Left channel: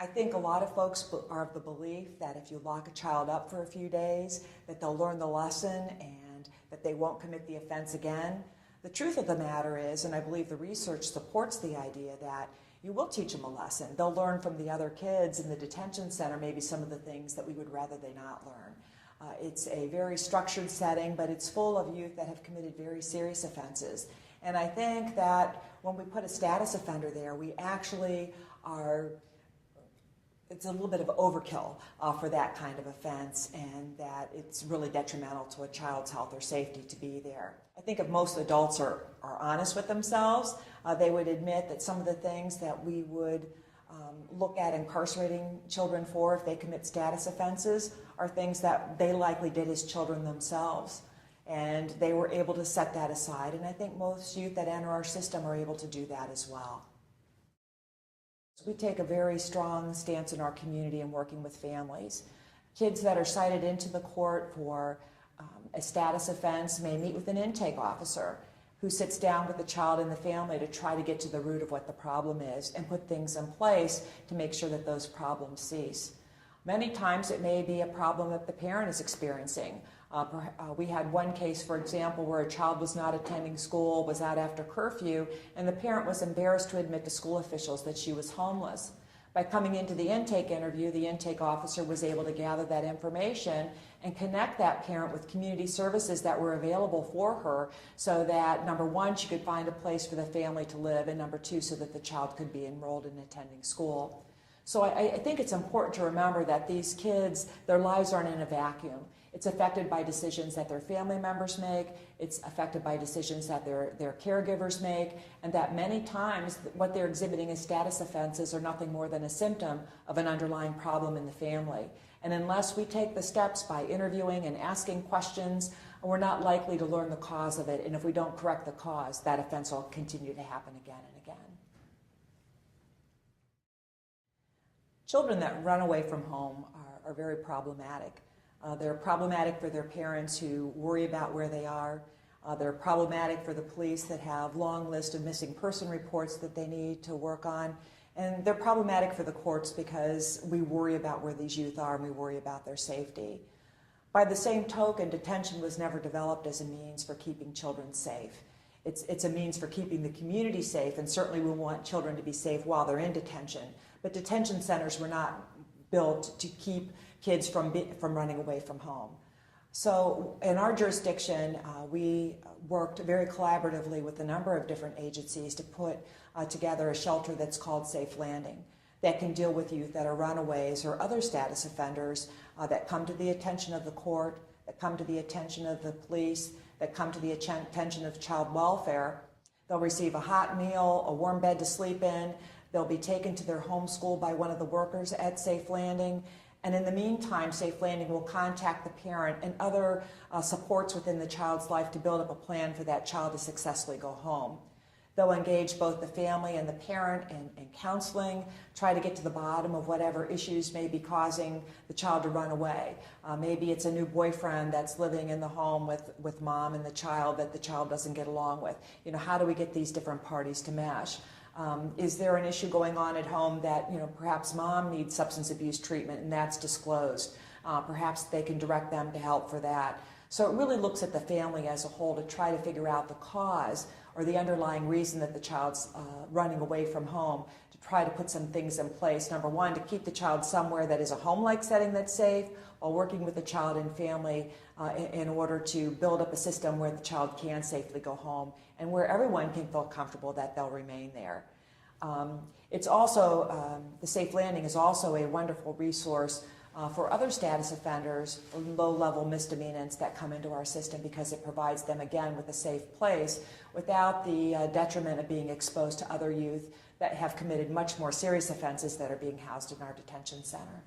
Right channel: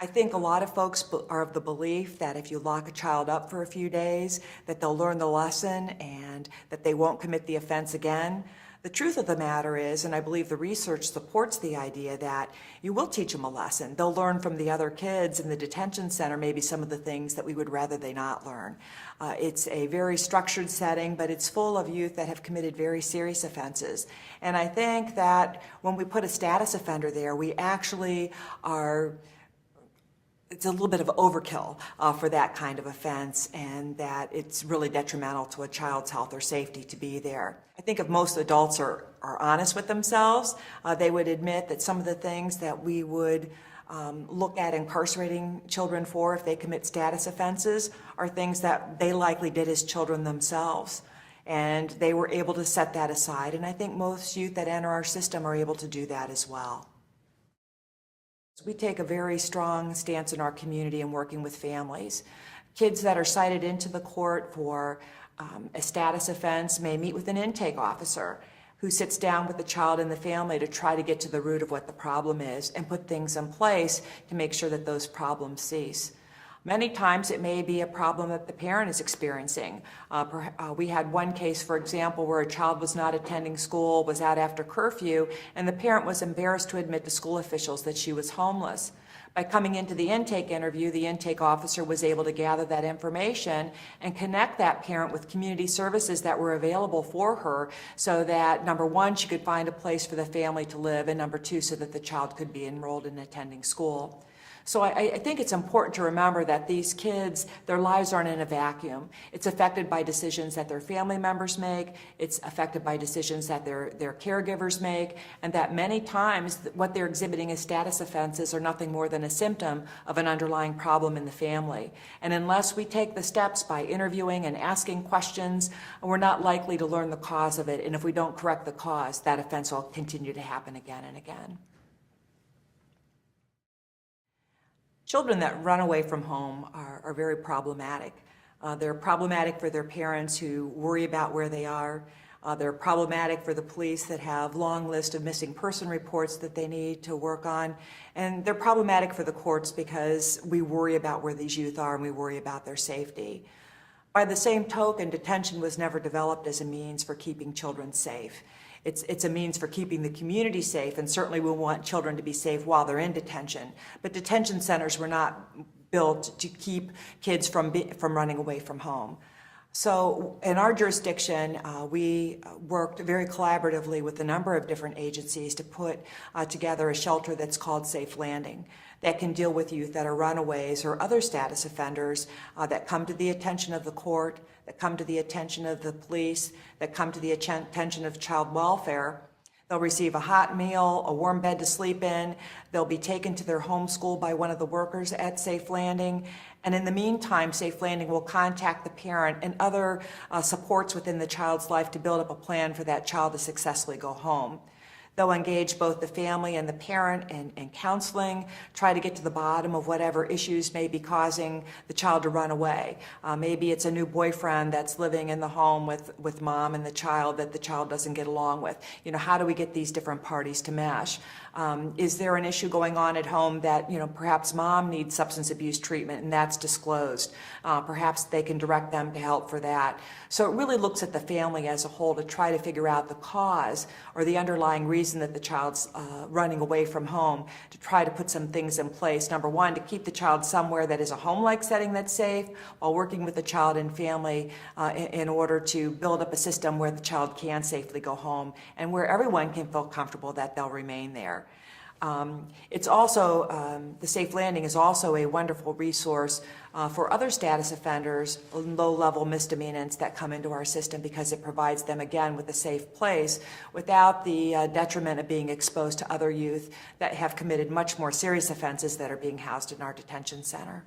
I think a lot of folks are of the belief that if you lock a child up for a few days, that they'll learn the lesson and that they won't commit the offense again. The truth of the matter is, and I believe the research supports the idea, that you will teach them a lesson. They'll learn from the other kids in the detention center maybe some of the things that we would rather they not learn. It's a very structured setting, but it's full of youth that have committed very serious offenses. And I think that when we put a status offender there, we actually are, it's a little bit of overkill for that kind of offense, and that it's really detrimental to a child's health or safety to be there. I think if most adults are honest with themselves, they would admit that some of the things that we would look at incarcerating children for if they commit status offenses are things that they likely did as children themselves. And they were able to set that aside. And I think most youth that enter our system are able to do that as well. We take a very strong stance in our community in working with families. Kids that are cited into the court for a status offense may meet with an intake officer who sits down with the child and the family to try to get to the root of what the problem is and put things in place to make sure that those problems cease. Many times it may be a problem that the parent is experiencing. We had one case, for example, where a child was not attending school, was out after curfew, and the parent was embarrassed to admit to school officials that she was homeless. By coming into the intake interview, the intake officer was able to gather that information and connect that parent with community services that were available for her so that, number one, she could find a place for the family to live, and number two, so that the child could be enrolled in attending school. So I think it's important to remember that these kids, their lives aren't in a vacuum. It's affected by decisions that their family members make, it's affected by decisions that their caregivers make, and that many times what they're exhibiting as status offenses are nothing more than a symptom of an underlying problem in the family. And unless we take the steps by interviewing and asking questions, we're not likely to learn the cause of it, and if we don't correct the cause, that offense will continue to happen again and again. Children that run away from home are very problematic. They're problematic for their parents who worry about where they are. They're problematic for the police that have long lists of missing person reports that they need to work on. And they're problematic for the courts because we worry about where these youth are and we worry about their safety. By the same token, detention was never developed as a means for keeping children safe. It's a means for keeping the community safe, and certainly we want children to be safe while they're in detention. But detention centers were not built to keep kids from running away from home. So in our jurisdiction, we worked very collaboratively with a number of different agencies to put together a shelter that's called Safe Landing that can deal with youth that are runaways or other status offenders that come to the attention of the court, that come to the attention of the police, that come to the attention of child welfare. They'll receive a hot meal, a warm bed to sleep in. They'll be taken to their home school by one of the workers at Safe Landing. And in the meantime, Safe Landing will contact the parent and other supports within the child's life to build up a plan for that child to successfully go home. They'll engage both the family and the parent in counseling, try to get to the bottom of whatever issues may be causing the child to run away. Maybe it's a new boyfriend that's living in the home with mom and the child that the child doesn't get along with. You know, how do we get these different parties to mesh? Is there an issue going on at home that, you know, perhaps mom needs substance abuse treatment and that's disclosed? Perhaps they can direct them to help for that. So it really looks at the family as a whole to try to figure out the cause or the underlying reason that the child's running away from home, to try to put some things in place. Number one, to keep the child somewhere that is a home-like setting that's safe, while working with the child and family in order to build up a system where the child can safely go home and where everyone can feel comfortable that they'll remain there. It's also, the Safe Landing is also a wonderful resource for other status offenders, low-level misdemeanants that come into our system, because it provides them, again, with a safe place without the detriment of being exposed to other youth that have committed much more serious offenses that are being housed in our detention center.